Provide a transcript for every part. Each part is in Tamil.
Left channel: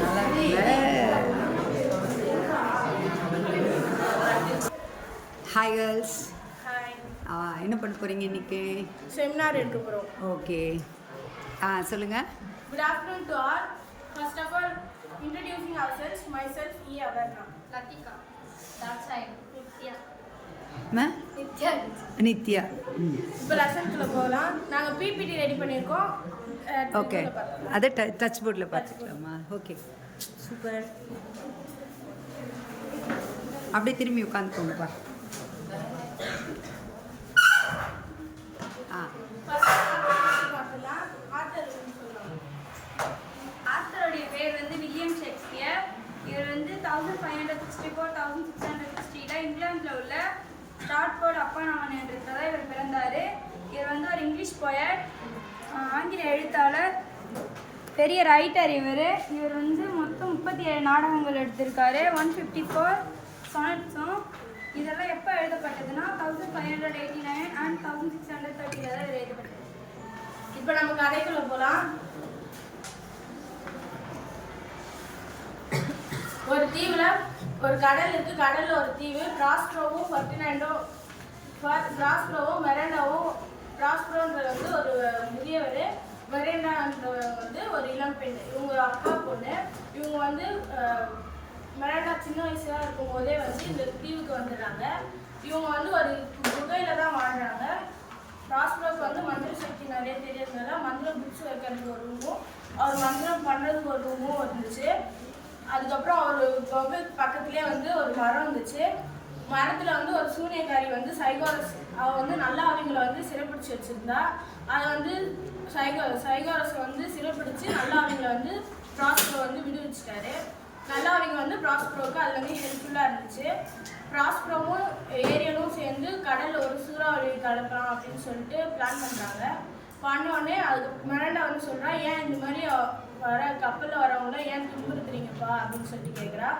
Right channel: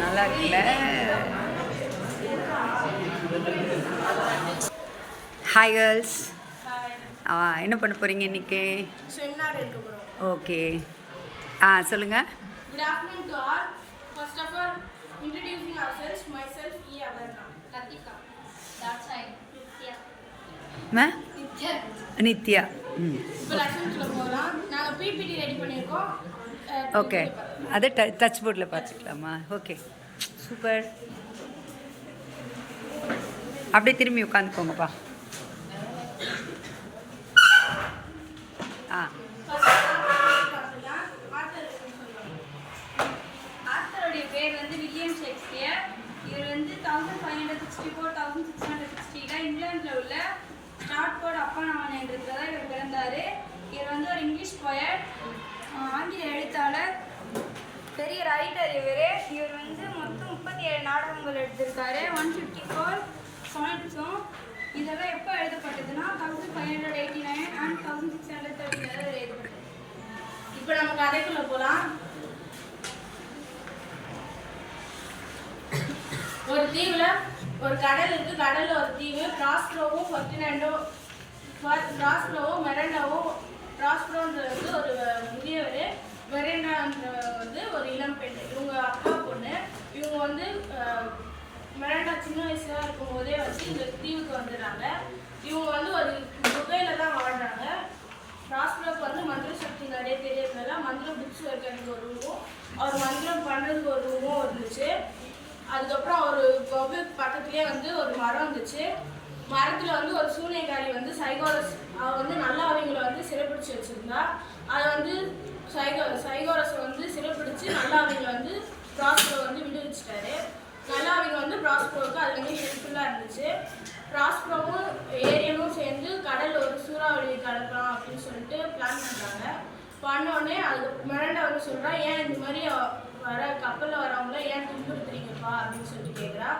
நல்லா இருக்குல்ல. Hi girls. என்ன பண்ண போகிறீங்க இன்றைக்கி? செமினார் எடுக்க போகிறோம். ஓகே. சொல்லுங்கள். Good afternoon to all. First of all, introducing ourselves. Myself, E. Abarna. Latika. That side. Nitya. Nitya. Nitya. இப்போ லெசன்ஸ்ல போகலாம். நாங்கள் பிபிடி ரெடி பண்ணியிருக்கோம். ஓகே, அதை டச் போர்டில் பார்த்துக்கலாமா? Okay, super. அப்படியே திரும்பி உட்காந்துக்கோங்கப்பா. ஆத்தருடைய பேர் வந்து வில்லியம் ஷேக்ஸ்பியர். இவர் வந்து 1564-1660 இங்கிலாந்தில் உள்ள ஸ்டாட்ஃபோர்ட் அப்பான் அவன் என்றதுல இவர் பிறந்தார். இவர் வந்து ஒரு இங்கிலீஷ் போயட், ஆங்கில எழுத்தாளர், பெரிய ரைட்டர். இவர் வந்து மொத்தம் 37 நாடகங்கள் எடுத்திருக்காரு. 154 சானட்ஸும். இதெல்லாம் எப்போ எழுதப்பட்டதுன்னா 1589 and 1630 எழுதப்பட்டது. இப்போ நம்ம கதைக்குள்ள போகலாம். ஒரு தீவுல ஒரு கடல் இருக்கு. கடல்ல ஒரு தீவு. ப்ராஸ்பரோவும் மெரண்டாவும். ப்ராஸ்பரோன்றது வந்து ஒரு முதியவர், மெரண்டான்ற வந்து ஒரு இளம் பெண். இவங்க அப்பா பொண்ணு. இவங்க வந்து மெரண்டா சின்ன வயசுல இருக்கும் போதே வந்து இந்த தீவுக்கு வந்துடுறாங்க. இவங்க வந்து ஒரு குகையில தான் வாழ்றாங்க. ப்ராஸ்பரோக்கு வந்து மந்திர சக்தி நிறைய தெரியறதுனால மந்திரம் புக்ஸ் வைக்கிறதுக்கு ஒரு ரூமும், அவர் மந்திரம் பண்ணுறதுக்கு ஒரு ரூமும் இருந்துச்சு. அதுக்கப்புறம் ஒரு குகை பக்கத்துலேயே வந்து ஒரு மரம் இருந்துச்சு. மரத்தில் வந்து ஒரு சூனியக்காரி வந்து சைகோரஸ், அவள் வந்து நல்லா அவங்கள வந்து சிறைப்பிடிச்சி வச்சுருந்தா. அதை வந்து சைகோரஸை வந்து சிறைப்பிடிச்சு நல்லா அவங்கள வந்து ப்ராஸ்பரோ வந்து விடுவிச்சிட்டாரு. நல்லா அவங்க வந்து ப்ராஸ்பரோவுக்கு அது வந்து ஹெல்ப்ஃபுல்லாக இருந்துச்சு. ப்ராஸ்பரோவும் ஏரியலும் சேர்ந்து கடலில் ஒரு சூறாவளி கலக்கலாம் அப்படின்னு சொல்லிட்டு பிளான் பண்ணுறாங்க. பண்ணோடனே அதுக்கு மெரண்டா வந்து சொல்கிறா, ஏன் இந்த மாதிரி வர கப்பலில் வரவங்கள ஏன் துன்புறுத்துறீங்கப்பா அப்படின்னு சொல்லிட்டு கேட்குறா.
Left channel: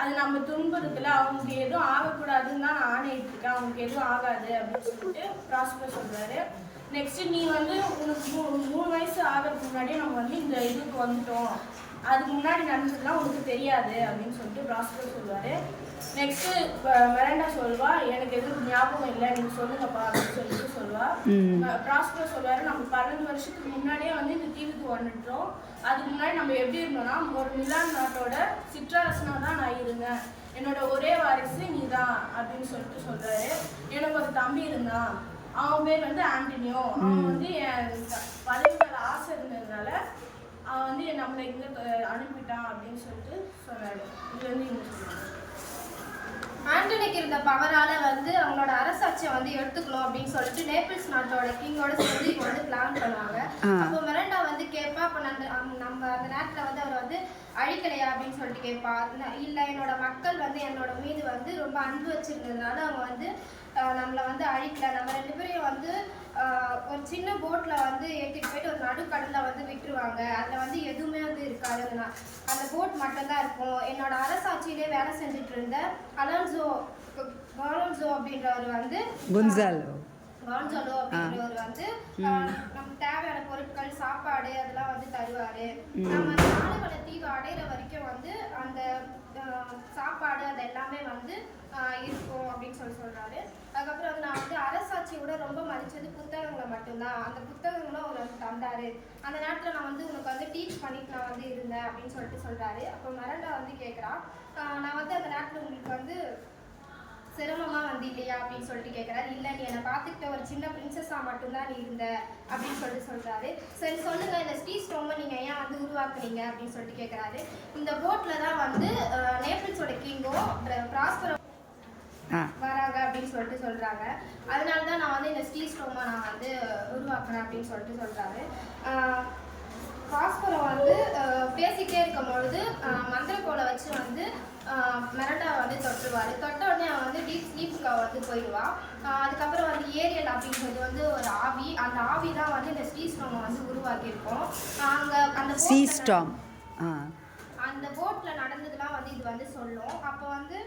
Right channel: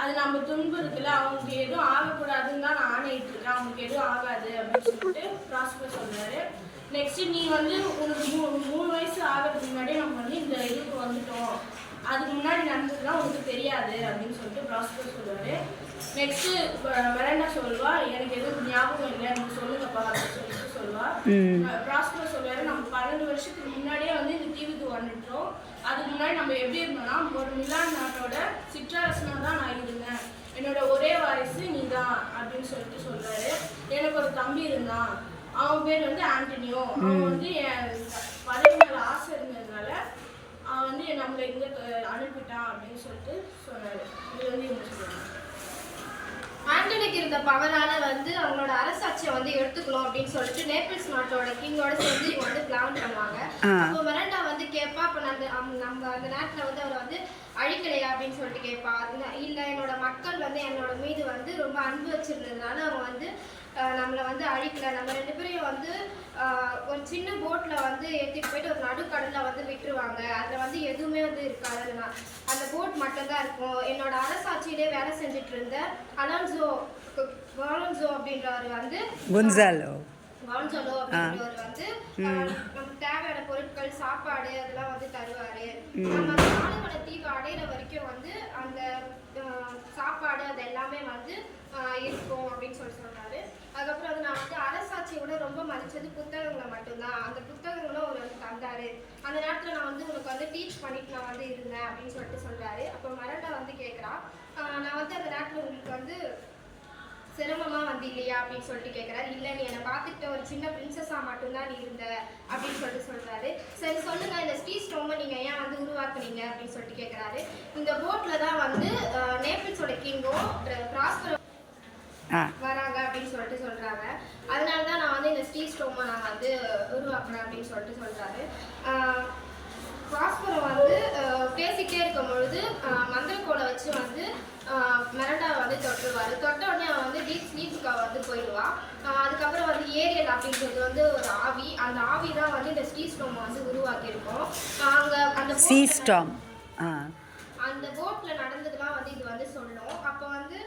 அது நம்ம துன்புறுத்தல, அவங்களுக்கு எதுவும் ஆகக்கூடாதுன்னு தான் நான் ஆணையிட்டு இருக்கேன், அவங்களுக்கு எதுவும் ஆகாது அப்படின்னு சொல்லிட்டு ப்ராஸ்பரோ சொல்கிறாரு. நெக்ஸ்ட்டு நீ வந்து உனக்கு 3 வயசு ஆகிறதுக்கு முன்னாடியே நம்ம வந்து இந்த இதுக்கு வந்துட்டோம், அதுக்கு முன்னாடி நடந்ததுலாம் உனக்கு தெரியாது அப்படின்னு சொல்லிட்டு ப்ராஸ்பரோ சொல்லுவார். நெக்ஸ்ட்டு மெரண்டா சொல்வா, எனக்கு எதுவும் ஞாபகம் இல்லை, நீங்கள் சொல்லுங்கப்பா அப்படின்னு சொல்லிட்டு சொல்லுவா. ப்ராஸ்பரோ சொல்லுவார், நம்ம 12 வருஷத்துக்கு முன்னாடியே வந்து இந்த தீவுக்கு வந்துட்டோம். அதுக்கு முன்னாடி நம்ம எப்படி இருந்தோம்னா ஒரு மிலான் நாட்டோட சிற்றரசனாக தான் நான் இருந்தேன், என்னோட ஒரே வாரிசு நீ தான் அப்படின்னு சொல்லிட்டு சொல்கிறாரு. எனக்கு ஒரு தம்பி இருந்தான், அவன் பேர் வந்து ஆண்டனியோ. அவன் வந்து என் பதவி மேலே ஆசை இருந்ததுனால அவன் வந்து நம்மளை இங்கே அனுப்பிட்டான் அப்படின்னு சொல்லிட்டு சொன்னார். இது வந்து இவங்க சொல்லுவாங்க. ஆண்டனிக்கு இருந்த பவரால் வந்து அவங்களோட அரசாட்சியை வந்து எடுத்துக்கணும் அப்படின்னு சொல்லிட்டு நேபிள்ஸ் நாட்டோட கிங்கோட சேர்ந்து இவங்க வந்து பிளான் பண்ணுவாங்க. அப்போ மெரண்டா வந்து கேட்பா, அப்போ நம்ம அந்த நேரத்தில் வந்து அவர் வந்து அழிக்கலையா அப்படின்னு சொல்லிட்டு கேட்பா. இல்லை, என்னோட மக்கள் வந்து என்னோட மீது வந்து ரொம்ப அன்பு வச்சிருந்ததுனால அவங்க வந்து நம்மளை வந்து அழிக்கல, நம்ம 2 பேரையும் வந்து ஒரு சின்ன போட்டில் வந்து ஏற்றிட்டு போயிட்டு ஒரு நடுக்கடலில் வந்து விட்டுருவாங்க, அதில் வந்து எதுவுமே வந்து இருக்காதுன்னா அந்த போட் மட்டும்தான் இருக்கும். என்னோட அரசாட்சியிலே வேலை செஞ்சுட்டு இருந்த அலோன்சோ அப்படின்றவர் வந்து கான்சாலோ அப்படின்றவர் வந்து நமக்கு தேவையான பொருட்கள், சாப்பாடு அதெல்லாம் வந்து தருவாரு. நம்ம அந்த நாடுகள தீவு அடையிற வரைக்கும் வந்து அந்த சாப்பாடு அது எல்லாமே வந்து இருக்கும் அப்படின்னு சொல்றாரு. அதுக்கப்புறம் வந்து நான் வந்து அரசாட்சியோட ரொம்ப மதிச்சது புத்தகங்களை மட்டும்தான், அந்த புத்தகங்களும் அவர் வந்து தந்தாரு. அந்த நேரத்தில் நான் வந்து உனக்கு வந்து டீச் பண்ணிட்டு நான் வந்து இருந்தேன் அப்படின்னு சொல்லிட்டு சொல்றாரு. அப்போ மெரண்டா வந்து கேட்குறா, நான் வந்து அந்த நேரத்தில் உங்களுக்கு வந்து சிரமமாக வந்து இல்லையா அப்படின்னு சொல்லிட்டு கேட்குறாரு. இல்லை, நீ என்னை பார்த்துக்கிட்ட ஒரு சின்ன பிரின்சஸாக மட்டும்தான் நீ இருந்த அப்படின்னு சொல்லிட்டு சொல்கிறாரு. சரி சொல்லுங்கள், இந்த ஸ்டீஸ்டோமை நீங்கள் ஏன் வந்து உருவாக்குனீங்க அப்படின்னு சொல்லிட்டு கேட்குறாரு. இந்த போட்டில் தான் வந்து நேபிள்ஸோட கிங்கும் ப்ராஸ்பரோ வராங்க அப்படின்னு சொல்லிட்டு சொல்கிறாங்க. அதனால தான் நான் வந்து இந்த ஸ்டீஸ்டோமை நான் வந்து உருவாக்குனேன் அப்படின்னு சொல்லிட்டு சொல்கிறாரு. ப்ராஸ்பரோ வந்து பேசிக்கிட்டே இருக்கும் பொழுது மந்திரக்கோலை வச்சு வந்து மெரண்டாவை வந்து தொட்டுருவார். தொட்ட உடனே அவன் வந்து டீப் ஸ்லீப்புக்கு அவள் வந்து போயிடுவான். அதுக்கப்புறம் வந்து ஏரியல் அப்படின்றது வந்து ஒரு ஆவி, அந்த ஆவி தான் வந்து இந்த ஸ்டீஸ்டோமை வந்து உருவாக்கியிருக்கோம். அங்கே அந்த போட்டில் நடந்ததுலாம் வந்து இது வந்து சொல்லும். அப்போ வந்து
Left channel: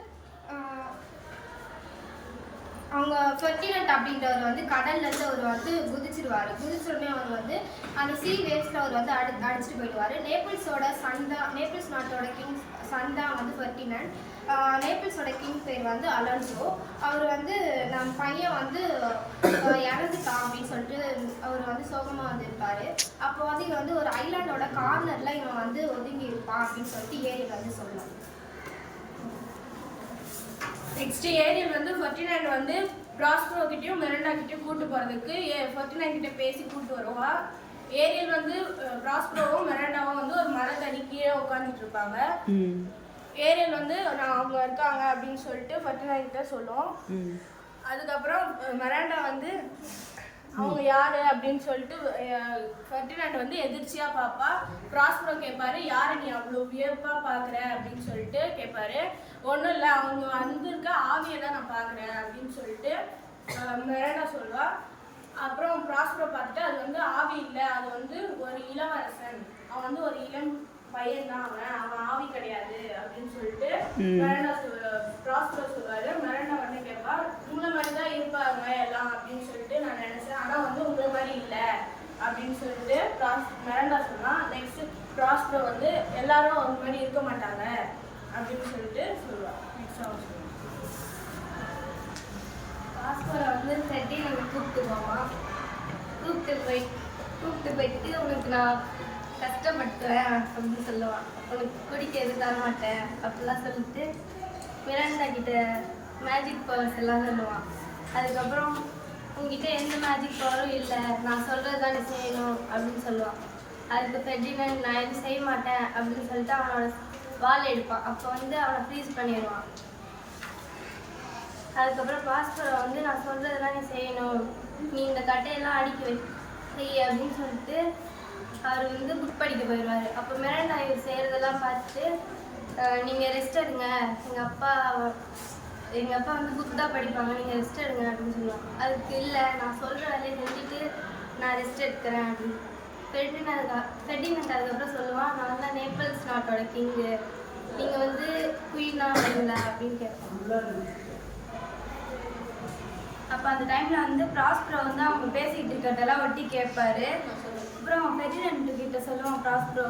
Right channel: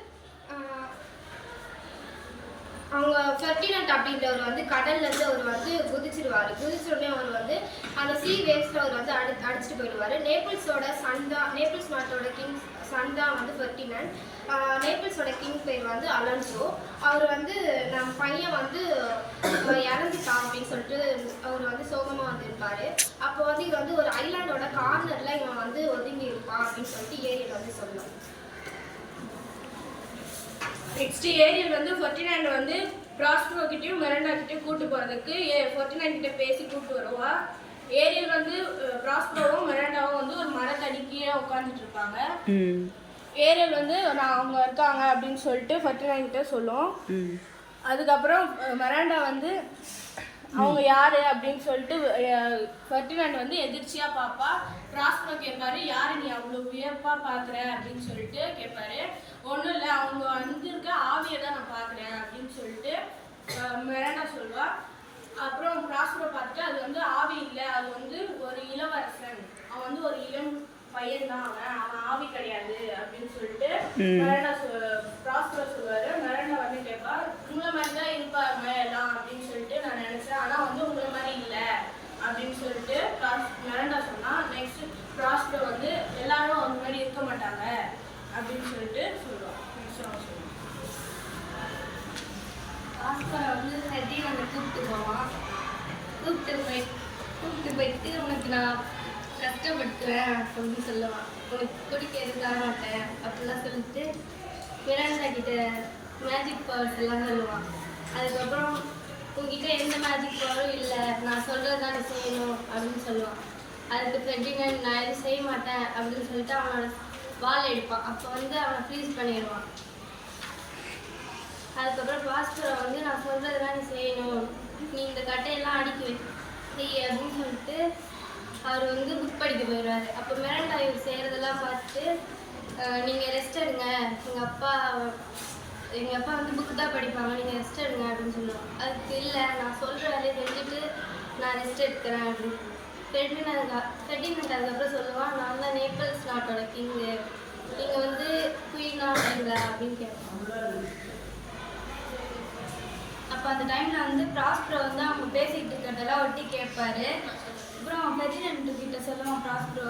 அவங்க ஃபெர்டினண்ட் அப்படின்றவர் வந்து கடல்லேருந்து அவர் வந்து குதிச்சிருவார். குதிச்சோடனே அவர் வந்து அந்த சீ வேவ்ஸில் அவர் வந்து அடிச்சுட்டு போயிடுவார். நேபிள்ஸ் நாட்டோட கிங் சன் தான் வந்து ஃபெர்டினண்ட். நேபிள்ஸோட கிங் பேர் வந்து அலன்சோ. அவர் வந்து நம்ம பையன் வந்து இறந்துட்டான் அப்படின்னு சொல்லிட்டு அவர் வந்து சோகமாக வந்து இருப்பார். அப்போ வந்து இவன் வந்து ஒரு ஐலாண்டோட கார்னரில் இவன் வந்து ஒதுங்கி இருப்பான் அப்படின்னு சொல்லிட்டு ஏரியல் வந்து சொல்லலாம். நெக்ஸ்ட் ஏரியல் வந்து ஃபெர்டினண்ட் வந்து ப்ராஸ்பரோ கிட்டயும் மெரண்டா கிட்டயும் கூட்டு போறதுக்கு ஃபெர்டினண்ட் கிட்ட பேசி கூட்டு வருவா. ஏரியல் வந்து ப்ராஸ்பரோவும் மெரண்டாவும் வந்து ஒரு மரத்தடி கீழே உட்காந்துட்டு இருப்பாங்க. ஏரியல் வந்து நான் அவங்க இருக்காங்க அப்படின்னு சொல்லிட்டு ஃபெர்டினண்ட் கிட்ட சொல்லும். அதுக்கப்புறம் மெரண்டா வந்து அவங்க யாரு அப்படின்னு சொல்லிட்டு ஃபெர்டினண்ட் வந்து எதிர்ச்சியா பாப்பா. ப்ராஸ்பரோ கேட்பாரு, யாரு நீ அவ்வளோ வியப்பா பாக்குற அப்படின்னு சொல்லிட்டு கேட்பாரு. ஒன்றும் இல்லை, அவங்க வந்திருக்க ஆவியை தான் நான் பார்க்குறேன் அப்படின்னு சொல்லிட்டு மெரண்டா சொல்லுவா. அப்புறம் ப்ராஸ்பரோ பார்த்துட்டு அது வந்து ஆவி இல்லை, அது வந்து ஒரு இளவரசன், அவன் வந்து ஒரு இளம் பையன் தான், அவன் ஆவி கிடையாது அப்படின்னு சொல்லிட்டு மெரண்டா ப்ராஸ்பரோ சொல்லுவாரு. மெரண்டா வந்து கேட்பா, உங்களை மாதிரி தான் இருப்பாங்க எல்லாம் அப்படின்னு சொல்லிட்டு நான் நினைச்சேன், ஆனா வந்து உங்களை மாதிரி இல்லை அப்படின்னு சொல்லிட்டு மெரண்டா சொன்னா. நெக்ஸ்ட் ப்ராஸ்பரோ வந்து எல்லாரும் அவங்க மாதிரி இருக்க மாட்டாங்க அப்படின்னு சொல்லிட்டு சொல்லுவாள். நெக்ஸ்ட் அவங்க சொல்லுவாங்க. ப்ராஸ்பரோ வந்து ஃபெர்டினண்டை கூப்பிட்டு போவான். கூப்பிட்டு போயிட்டு உனக்கு நான் கஷ்டப்படுத்துவேன் அப்படின்னு சொல்லுவான். உனக்கு குடிக்கிறது தர மாட்டேன் அப்படிலாம் சொல்லிட்டு மெரண்டா கிட்ட மேஜிக் பவர்ஸ் எல்லாம் சொல்லுவான். அதுக்கப்புறம் உங்ககிட்ட எந்த மேஜிக் பவரும் இல்லை, நான் சொல்கிறது தான் நீ செய்யணும் அப்படின்னு சொல்லுவான். அதுக்கு ஃபெர்டினண்ட் நான் எதுவும் செய்ய மாட்டேன் அப்படின்னு சொல்லிட்டு அவனோட வால் எடுப்பான். அப்போ வந்து அவனை ஃப்ரீஸ் பண்ணிடுவான். அதுக்கப்புறம் ப்ராஸ்பரோ வந்து நான் சொல்கிறதெல்லாம் நீ செய்யணும், நீ இந்த கட்டையெல்லாம் அடிக்க செய் அப்படின்னு சொல்லிட்டு அவர் வந்து புக் படிக்க போயிடுவார். அப்போ மெரண்டா இவர் செய்கிறதெல்லாம் பார்த்துட்டு நீங்கள் ரெஸ்ட் எடுங்க, எங்கள் அப்பா வந்து புக் தான் படிப்பாங்க, நீங்கள் ரெஸ்ட் எடுங்க அப்படின்னு சொல்லுவாங்க. அதுக்கு இல்லை, நான் சொல்கிற வேலையை செஞ்சுட்டு நான் ரெஸ்ட் எடுக்கிறேன் அப்படின்னு. ஃபெர்டினண்ட் அதுக்கப்புறம் சொல்லுவான், நான் தான் நேபிள்ஸ் நாட்டோட கிங்கு, நீங்கள் வந்து குயினா வரீங்களா அப்படின்னு கேட்பாங்க. அப்போ அந்த டைமில் வந்து ப்ராஸ்பரோ வந்து அவங்க பேசிக்கிட்டு இருக்கிறதெல்லாம் ஒட்டி கேட்பாரு. அப்புறம் ஃபெர்டினண்ட் கிட்ட சொல்லுவான் ப்ராஸ்பரோ,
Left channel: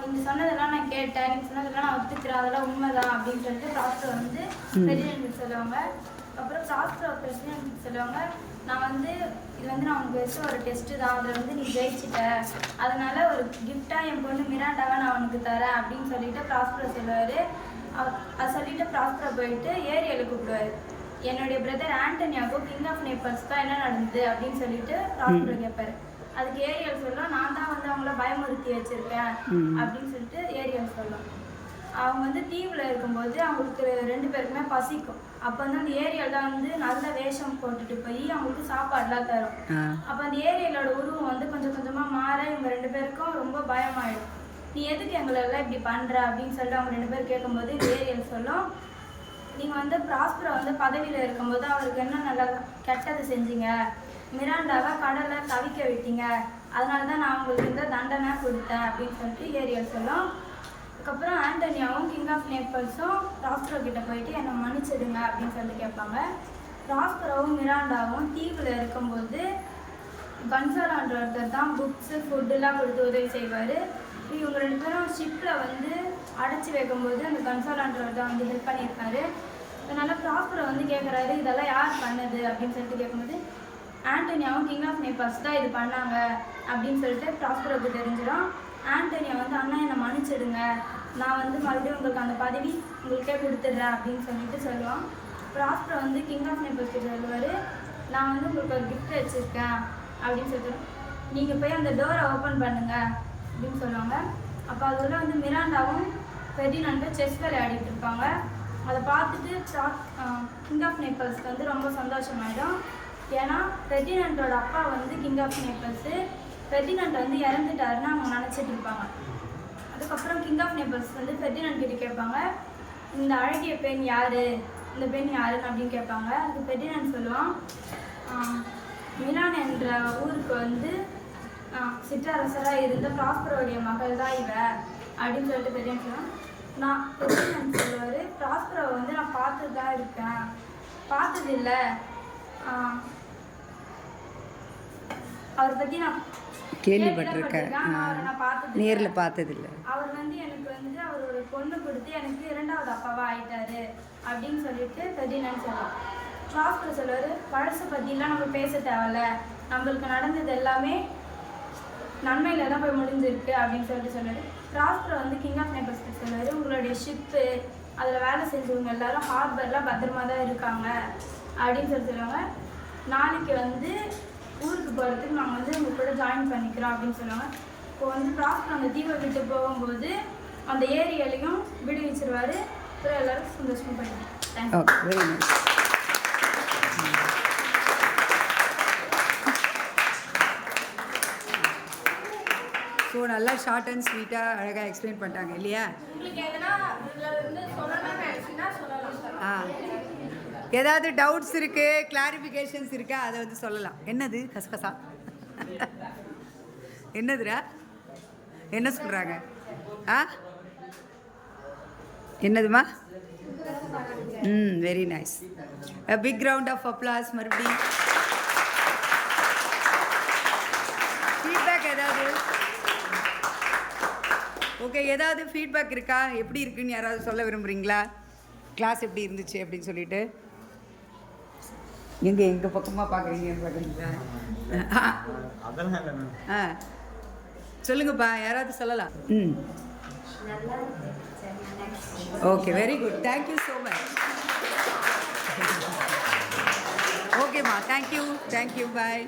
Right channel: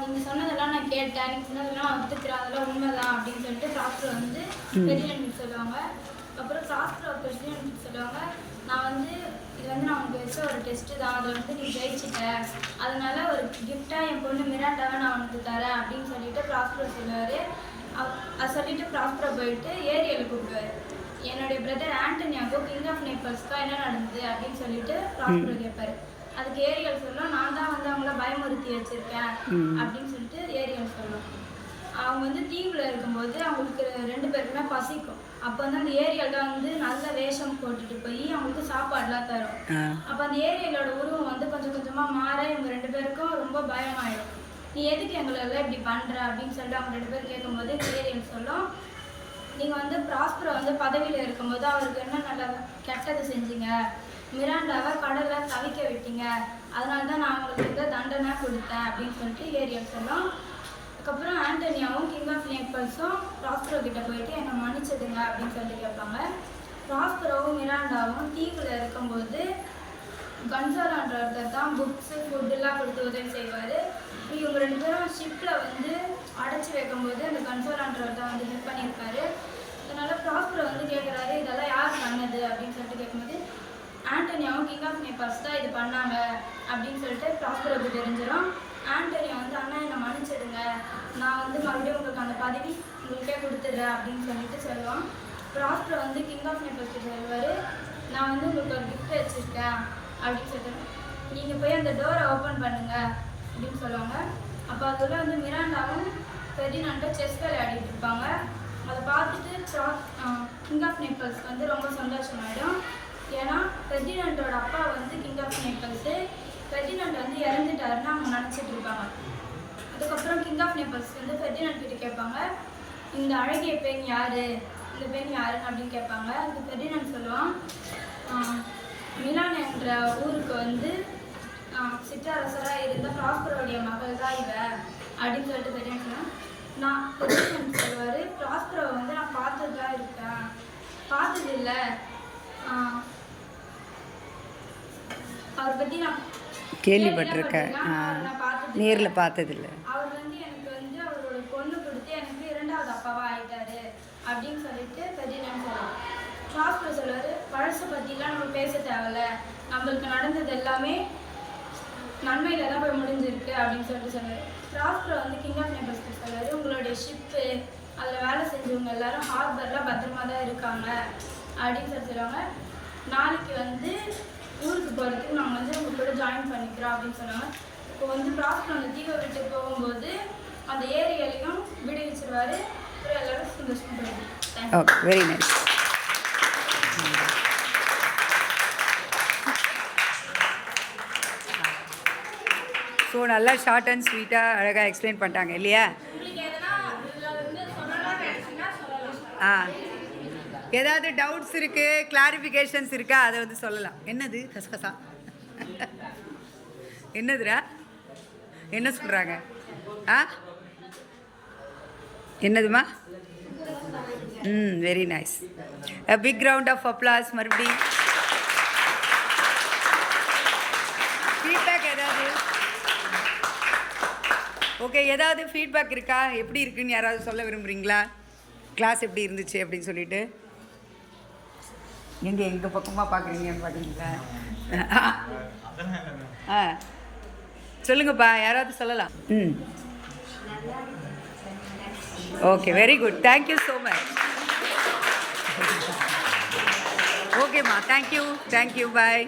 நீங்கள் சொன்னதெல்லாம் நான் கேட்டேன், நீங்கள் சொன்னதெல்லாம் நான் ஒத்துக்கிறேன், அதெல்லாம் உண்மைதான் அப்படின்னு சொல்லிட்டு ப்ராஸ்பரோ வந்து ஃபெர்டினண்ட் சொல்லுவாங்க. அப்புறம் ப்ராஸ்பரோ ஃபெர்டினண்ட் சொல்லுவாங்க, நான் வந்து இது வந்து நான் உனக்கு வச்ச ஒரு டெஸ்ட்டு தான், அதில் வந்து நீ ஜெயிச்சிட்ட, அதனால் ஒரு கிஃப்டாக என் பொண்ணு மிராண்டாவை நான் உனக்கு தரேன் அப்படின்னு சொல்லிட்டு ப்ராஸ்பரோ சொல்லுவார். அதை சொல்லிட்டு ப்ராஸ்பரோ போயிட்டு ஏரியலை கூப்பிடுவார். என்னுடைய பிரதர் ஆண்டனியாவுக்கு கிங் ஆஃப் நேபிள்ஸ்க்கு என்ன நடந்தது அப்படின்னு சொல்லிட்டு ப்ராஸ்பரோ கேட்பாரு. அதுக்கு ஏரியல் சொல்லும், நான் தான் வந்து அவங்கள பயமுறுத்தி வச்சிருக்கேன் அப்படின்னு சொல்லிட்டு ஏரியல் சொல்லும். அவங்க வந்து தீவில் இருக்கும்போது அவங்களுக்கு 2 பேருக்குமே பசிக்கும். அப்போ வந்து அந்த ஏரியலில் வந்து நல்ல வேஷம் போட்டுட்டு போய் அவங்களுக்கு சாப்பாடுலாம் தரும். அப்போ அந்த ஏரியலோட உருவம் வந்து கொஞ்சம் கொஞ்சமாக மாற இவங்க 2 பேருக்கும் ரொம்ப பயமாயிடும். நீ எதுக்கு எங்களெல்லாம் இப்படி பண்ணுற அப்படின்னு சொல்லிட்டு அவங்க 2 பேரும் கேட்கும்போது ஏரியல் சொல்லும், நீங்கள் வந்து ப்ராஸ்பரோ வந்து பதவியில் இருக்கும்போது அவருக்கு என்ன நல்ல கெட்டது செஞ்சீங்க, மிராண்டாவை கடலில் தவிக்க விட்டீங்க, அதனால தான் நான் உங்களுக்கு இந்த தண்டனை கொடுத்தேன் அப்படின்னு சொல்லிட்டு ஏரியல் சொல்லும். அதுக்கப்புறம் ஆண்டனியாவும் கிங் ஆஃப் நேபிள்ஸும் ப்ராஸ்பரோ கிட்ட போயிட்டு என்னை மன்னிச்சிடுங்க அப்படின்னு சொல்லிட்டு கேட்பாங்க. ப்ராஸ்பரோவும் மிராண்டாவும் தீவில் இருக்கும்போது கன்சாலான்ற ஒருத்தர் தான் புக்ஸு ஃபுட்டெல்லாம் கொடுத்து உதவி செய்வார். இவங்க 2 பேரும் ஷிப்பில் வந்து அடைச்சி வைக்கும்போது அந்த கன்சாலான்றவர் தான் வந்து ஹெல்ப் பண்ணியிருக்காரு. அதனால் ப்ராஸ்பரோ வந்து கேட்குறாரு, இதெல்லாம் யார் பண்ணது அப்படின்னு சொல்லிட்டு கேட்கும்போது ஆண்டனியாவும் கிங் ஆஃப் நேபிள்ஸ் தான் இது பண்ணாங்க அப்படின்னு சொல்லிட்டு ப்ராஸ்பரோக்கு தெரிஞ்சிடும். ஆண்டனியா வந்து அண்ணா என்னை மன்னிச்சிடுங்க, நான் வந்து மறுபடியும் உங்களுக்கு அந்த பதவி உங்களுக்கே கொடுத்துட்றேன் அப்படின்னு சொல்லிட்டு சொல்லுவான். ப்ராஸ்பரோ வந்து கிங் ஆஃப் நேபிள்ஸ் கிட்ட சொல்லுவார், நான் வந்து உங்களுக்கு ஒரு கிஃப்ட் வச்சுருக்கேன் அப்படின்னு சொல்லிட்டு நீங்கள் போய் அந்த டோரை ஓப்பன் பண்ணுங்க அப்படின்னு சொல்லுவாங்க. அப்போ அதில் வந்து மிராண்டாவும் ஃபெர்டினண்டும் செஸ் விளையாடிட்டு இருப்பாங்க. அதை பார்த்துட்டு கிங் ஆஃப் நேபிள்ஸ்க்கு வந்து ரொம்ப சந்தோஷமாயிடும். ஏன்னா ஃபெர்டினண்டோட அப்பா வந்து கிங் ஆஃப் நேபிள்ஸு, ஃபெர்டினண்ட் வந்து இறந்துட்டாருன்னு அவங்க நினச்சிட்டு இருப்பாங்க. அதுக்கப்புறம் கிங் ஆஃப் நேபிள்ஸ் வந்து ஃபெர்டினண்ட் கிட்ட கேட்பாங்க, இந்த அழகிய பெண் யார், இந்த பெண் யாருன்னு அப்படின்னு கேட்பாங்க. அதுக்கு ஃபெர்டினண்ட் சொல்லுவான், மிலான் என்ற ஊருக்கு வந்து சிற்றரசராக இருந்த ப்ராஸ்பரோடைய மகள் தான் இவ அப்படின்னு சொல்லிட்டு ஃபெர்டினண்ட் சொன்னான். ஃபெர்டினண்ட் சொல்லுவார், ப்ராஸ்பரோ வந்து நான் பார்த்து தான் இருக்கேன், பார்த்ததில்ல. அவரை பற்றி நான் கேள்விப்பட்டிருக்கேன். நான் பார்த்தது நேரில் பார்த்ததில்ல. அவர் வந்து எனக்கு வந்து அவரோட பொண்ணு கொடுத்து எனக்கு 2வது அப்பாவா ஆயிட்டாரு அப்படின்னு சொல்லிட்டு பெரியண்ணன் சொல்லுவாங்க. ப்ராஸ்பரோ சொல்லுவார், பழசை பற்றிலாம் நம்ம பேச தேவையில்ல, நம்மளுக்கு நடந்தது எல்லாமே நன்மையில் தான் போய் முடிஞ்சிருக்கு அப்படின்னு சொல்லிட்டு சொன்னார். ப்ராஸ்பரோ வந்து கிங் ஆஃப் நேபிள்ஸ் சொன்னார், உங்களுடைய ஷிப்பு அதில் வேலை செஞ்சவங்க எல்லாரும் ஹார்பரில் பத்திரமா தான் இருக்காங்க அப்படின்னு சொல்லுவாங்க. நாளைக்கு வந்து ஊருக்கு போகிறதுக்கு நாங்கள் வந்து உங்கள் கூட ஜாயின் பண்ணிக்கிறோம் அப்படின்னு சொன்னாங்க. இப்போ வந்து ப்ராஸ்பரோ அந்த தீவை விட்டு போகும்போது அந்த ஏரியாலையும் விடுவிச்சிருவார். அப்புறம் எல்லோரும் சந்தோஷமாக பண்ணிடுவோம். Okay, very nice. ஸோ நல்லா ஷார்ட் அண்ட் ஸ்வீட்டாக அழகாக எக்ஸ்பிளைன் பண்ணிட்டாங்க இல்லையா? உங்களுக்கு எதனா இதில் வந்து சொல்லலாம்னு நினச்சிங்கன்னா சொல்லலாம். ஆ, ஏதாவது டவுட்ஸ் இருக்குது, கிளாரிஃபிகேஷன்ஸ் இருக்கா, அதை வந்து சொல்லலாம். என்னது கசகசா? என்னதுடா? என்ன சொல்கிறாங்க? ஆ, என்னதுமா? Very nice. A big round of applause மறுபடியும். ஃபீட்பேக் ஏதாவது? ஓகே, ஏதாவது ஃபீட்பேக் இருக்கா? எப்படி இருக்குன்னு யாராவது சொல்ல விரும்புகிறீங்களா? கிளாஸ் எப்படி இருந்துச்சு அப்படின்னு சொல்லிட்டு. நீங்கள் எங்கள் பக்கமாக பார்க்குறீங்கன்னு பார்க்குறீங்களா? ஆ, சொல்லுங்கப்பா, யாராவது சொல்லலாம். Okay, very good, thank you so much. ஓகேம்மா, தேங்க்யூ, பாய்.